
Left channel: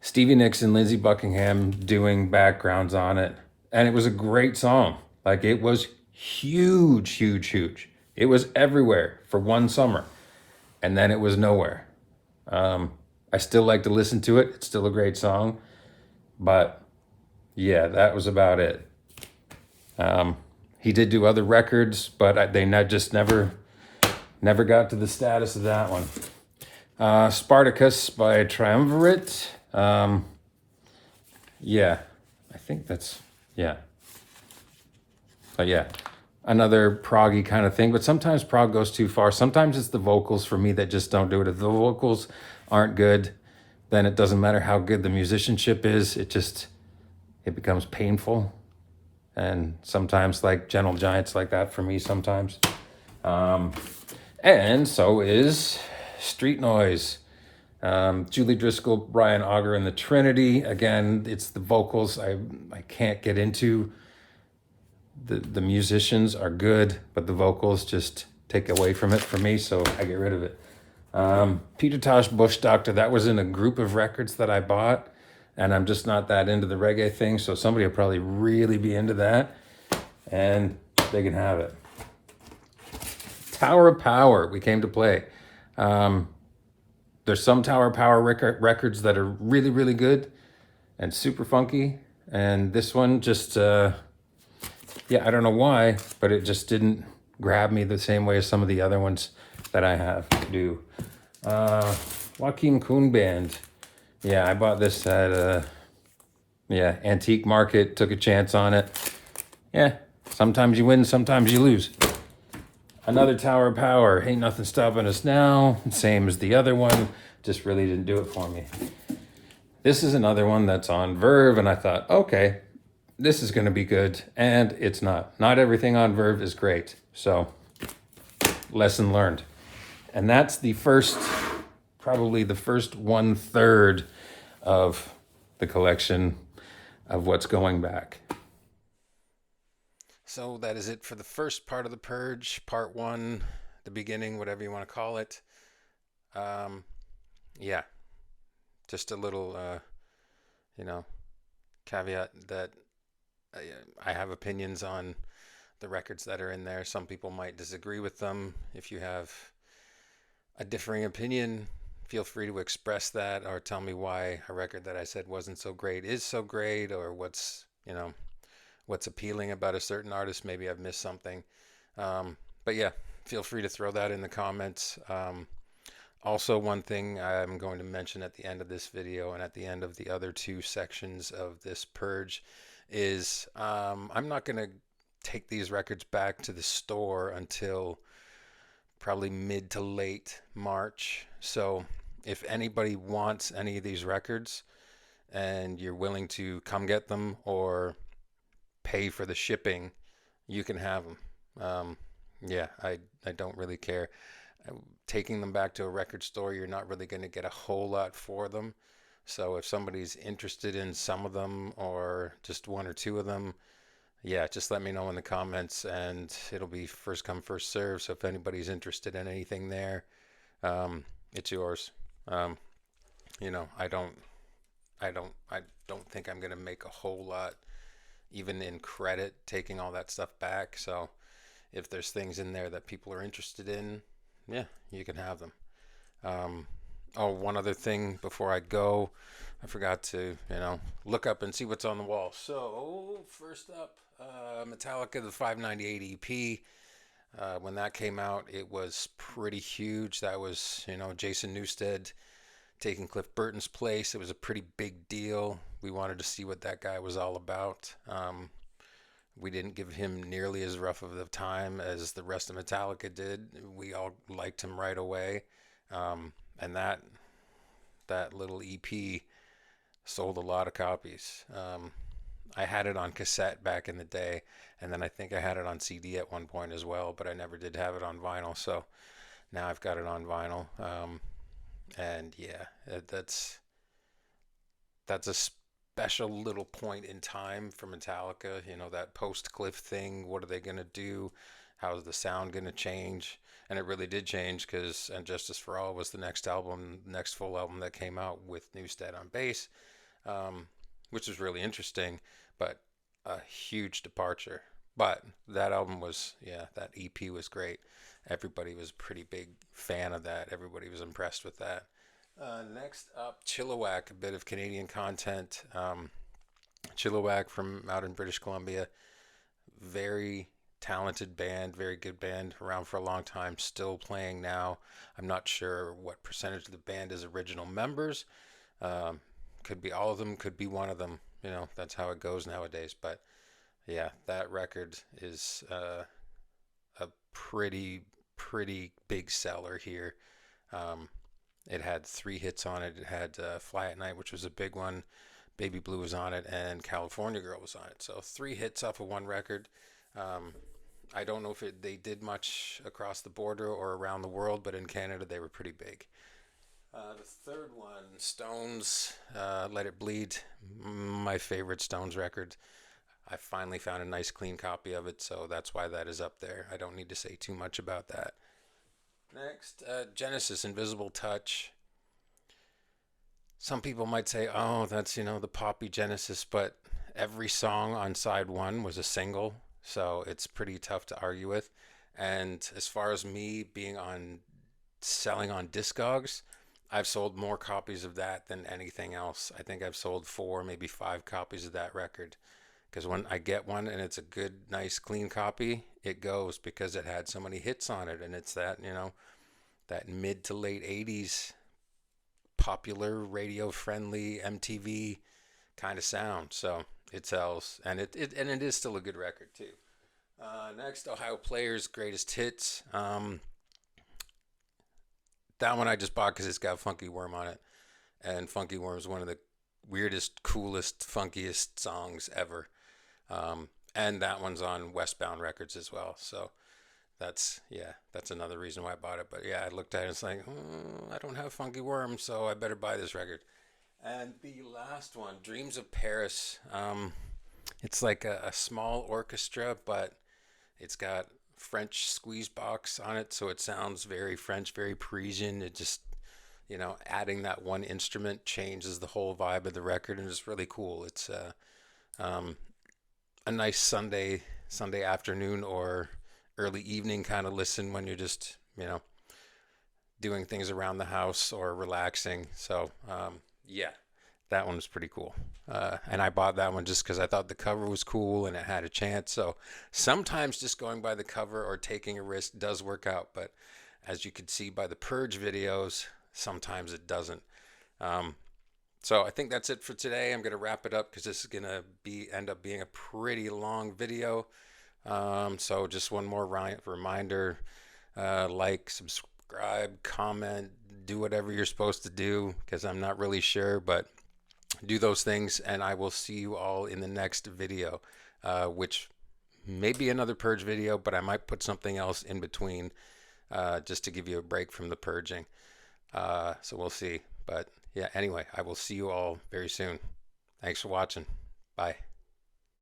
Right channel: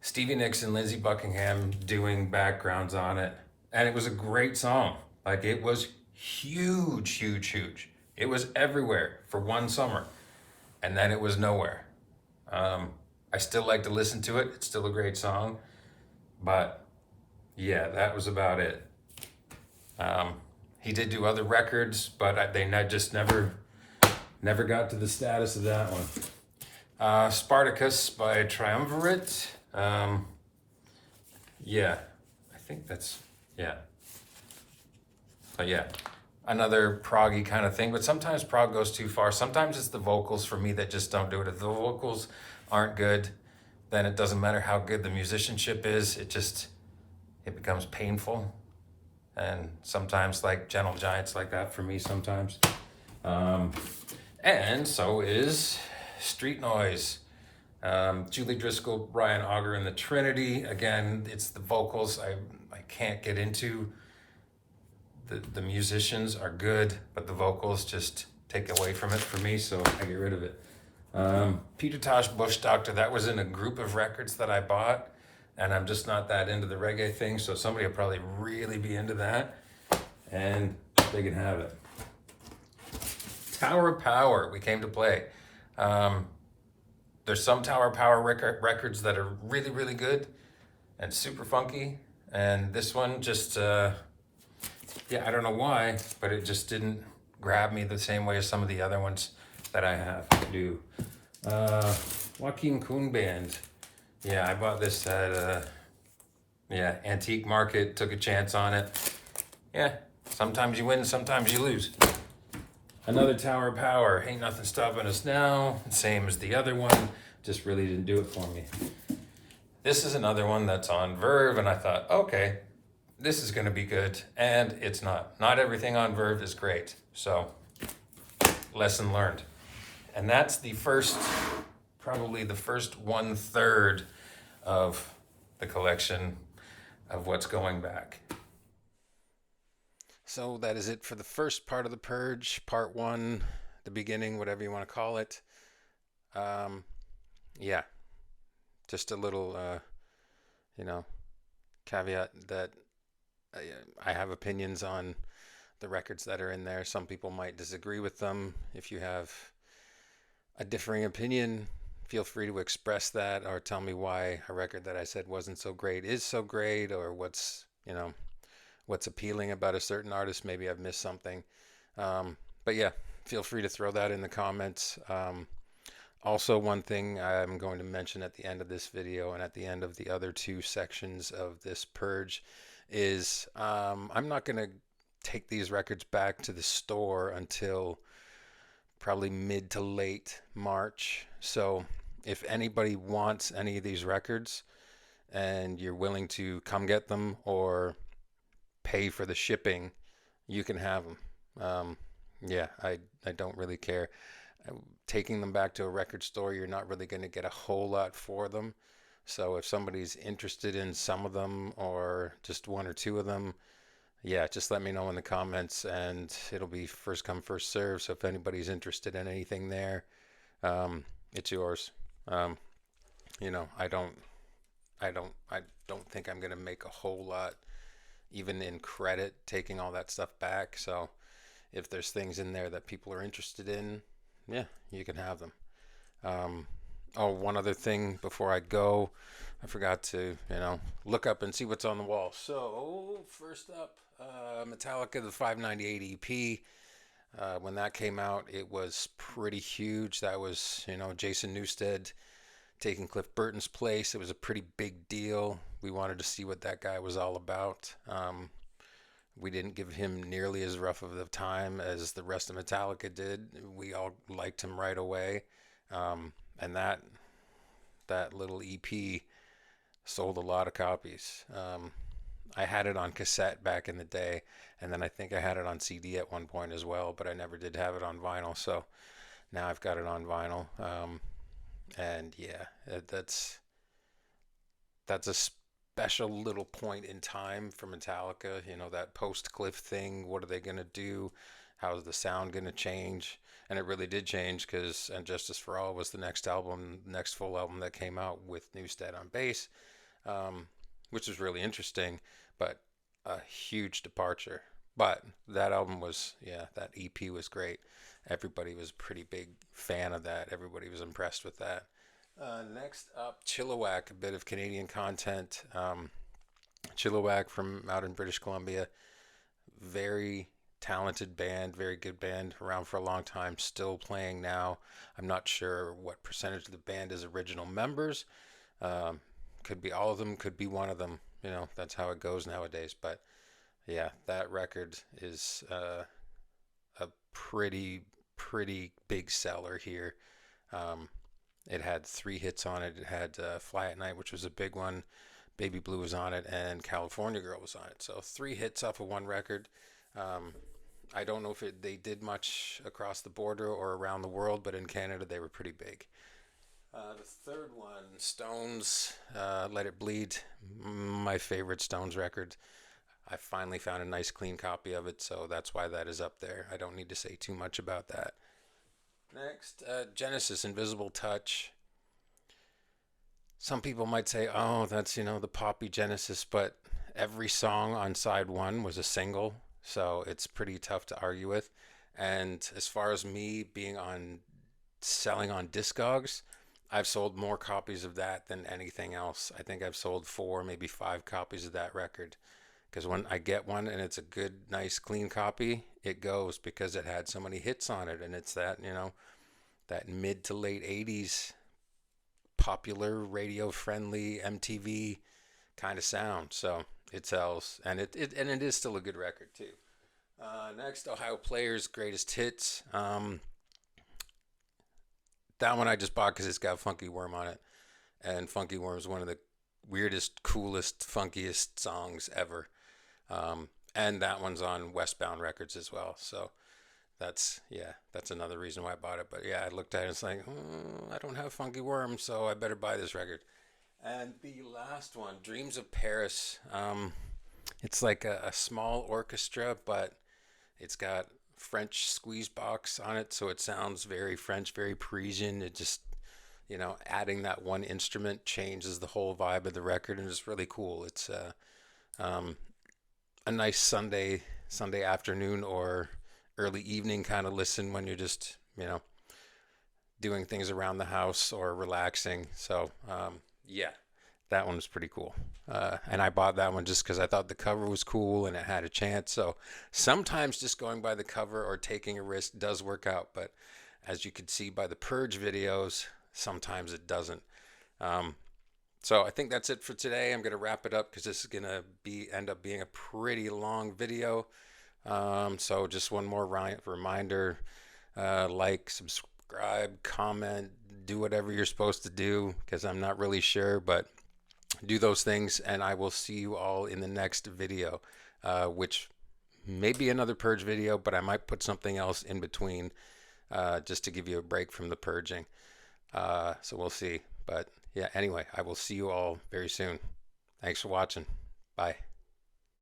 Stevie Nicks and Lindsey Buckingham doing backgrounds on it. And it was a great song. Like, it was huge, huge, huge. It was everywhere for one summer. And then it was nowhere. I still like to listen to it. It's still a great song. But yeah, that was about it. He did do other records, but they just never got to the status of that one. Spartacus by Triumvirate. Yeah, I think that's, yeah. But yeah, another proggy kind of thing. But sometimes prog goes too far. Sometimes it's the vocals for me that just don't do it. If the vocals aren't good, then it doesn't matter how good the musicianship is. It becomes painful. And sometimes like Gentle Giants like that for me sometimes. And so is Street Noise. Julie Driscoll, Brian Auger, and the Trinity. Again, it's the vocals I can't get into. The musicians are good, but the vocals just take away from it for me, so I get rid of it. Peter Tosh, Bush Doctor, that was in a group of records that I bought, and I'm just not that into the reggae thing, so somebody will probably really be into that, and they can have it. Tower of Power, we came to play. There's some Tower of Power records that are really, really good and super funky, and this one just, I don't know why, but it just didn't grab me the same way as some of the other ones that I have do. Joaquin Kuhn Band. Yeah, I bought this at antique market, took a chance on it. Yeah, sometimes you win, sometimes you lose. Another Tower of Power, Ain't Nothing Stopping Us Now, same as the other one, just really didn't do it for me. This is another one that's on Verve, and I thought, okay, this is going to be good, and it's not. Not everything on Verve is great, so lesson learned. And that's probably the first 1/3 of the collection of what's going back. So that is it for the first part of the Purge, part one, the beginning, whatever you want to call it. Um, yeah, just a little, caveat that I have opinions on the records that are in there. Some people might disagree with them. If you have a differing opinion, feel free to express that or tell me why a record that I said wasn't so great is so great, or what's appealing about a certain artist. Maybe I've missed something. But yeah, feel free to throw that in the comments. Also, one thing I'm going to mention at the end of this video and at the end of the other two sections of this Purge is I'm not going to take these records back to the store until probably mid to late March. So if anybody wants any of these records and you're willing to come get them or pay for the shipping, you can have them. I don't really care. Taking them back to a record store, you're not really going to get a whole lot for them. So if somebody's interested in some of them or just one or two of them, yeah, just let me know in the comments, and it'll be first come, first serve. So if anybody's interested in anything there, it's yours. Um, I don't think I'm gonna make a whole lot, even in credit, taking all that stuff back. So if there's things in there that people are interested in, yeah, you can have them. Um, oh, one other thing before I go, I forgot to, look up and see what's on the wall. So, first up, Metallica, the 598 EP. When that came out, it was pretty huge. That was, Jason Newsted taking Cliff Burton's place. It was a pretty big deal. We wanted to see what that guy was all about. We didn't give him nearly as rough of a time as the rest of Metallica did. We all liked him right away, and that little EP sold a lot of copies. I had it on cassette back in the day, and then I think I had it on CD at one point as well, but I never did have it on vinyl. So now I've got it on vinyl, and yeah, that's a special little point in time for Metallica. That post Cliff thing. What are they gonna do? How's the sound gonna change? And it really did change because "And Justice for All" was the next album, next full album that came out with Newsted on bass, um, which was really interesting, but a huge departure. But that album was, yeah, that EP was great. Everybody was a pretty big fan of that. Everybody was impressed with that. Next up, Chilliwack, a bit of Canadian content. Chilliwack from out in British Columbia, very talented band, very good band, around for a long time, still playing now. I'm not sure what percentage of the band is original members. Um, could be all of them, could be one of them. That's how it goes nowadays. But yeah, that record is a pretty big seller here. Um, it had 3 hits on it. It had "Fly at Night," which was a big one. "Baby Blue" was on it, and "California Girl" was on it. So 3 hits off of one record. Um, I don't know if they did much across the border or around the world, but in Canada they were pretty big. The third one, Stones, "Let It Bleed," my favorite Stones record. I finally found a nice clean copy of it, so that's why that is up there. I don't need to say too much about that. Next, Genesis, "Invisible Touch." Some people might say, oh, that's, the poppy Genesis, but every song on side one was a single, so it's pretty tough to argue with. And as far as me being on selling on Discogs, I've sold more copies of that than anything else. I think I've sold 4, maybe 5 copies of that record. Because when I get one and it's a good, nice, clean copy, it goes because it had so many hits on it. And it's that, that mid to late 80s popular, radio friendly MTV kind of sound. So it sells, and it is still a good record too. Next, Ohio Players' Greatest Hits. That one I just bought because it's got Funky Worm on it, and Funky Worm is one of the weirdest, coolest, funkiest songs ever. And that one's on Westbound Records as well. So that's another reason why I bought it. But yeah, I looked at it and it's like, I don't have Funky Worm, so I better buy this record. And the last one, Dreams of Paris. It's like a small orchestra, but it's got French squeeze box on it, so it sounds very French, very Parisian. It just, adding that one instrument changes the whole vibe of the record, and it's really cool. It's um, a nice Sunday afternoon or early evening kind of listen when you're just, doing things around the house or relaxing. So, yeah, that one was pretty cool. And I bought that one just because I thought the cover was cool and it had a chance. So sometimes just going by the cover or taking a risk does work out. But as you can see by the Purge videos, sometimes it doesn't. So I think that's it for today. I'm going to wrap it up because this is going to end up being a pretty long video. So just one more reminder, like, subscribe, comment, do whatever you're supposed to do because I'm not really sure, but do those things and I will see you all in the next video, which may be another Purge video, but I might put something else in between just to give you a break from the purging. So we'll see. But yeah, anyway, I will see you all very soon. Thanks for watching. Bye.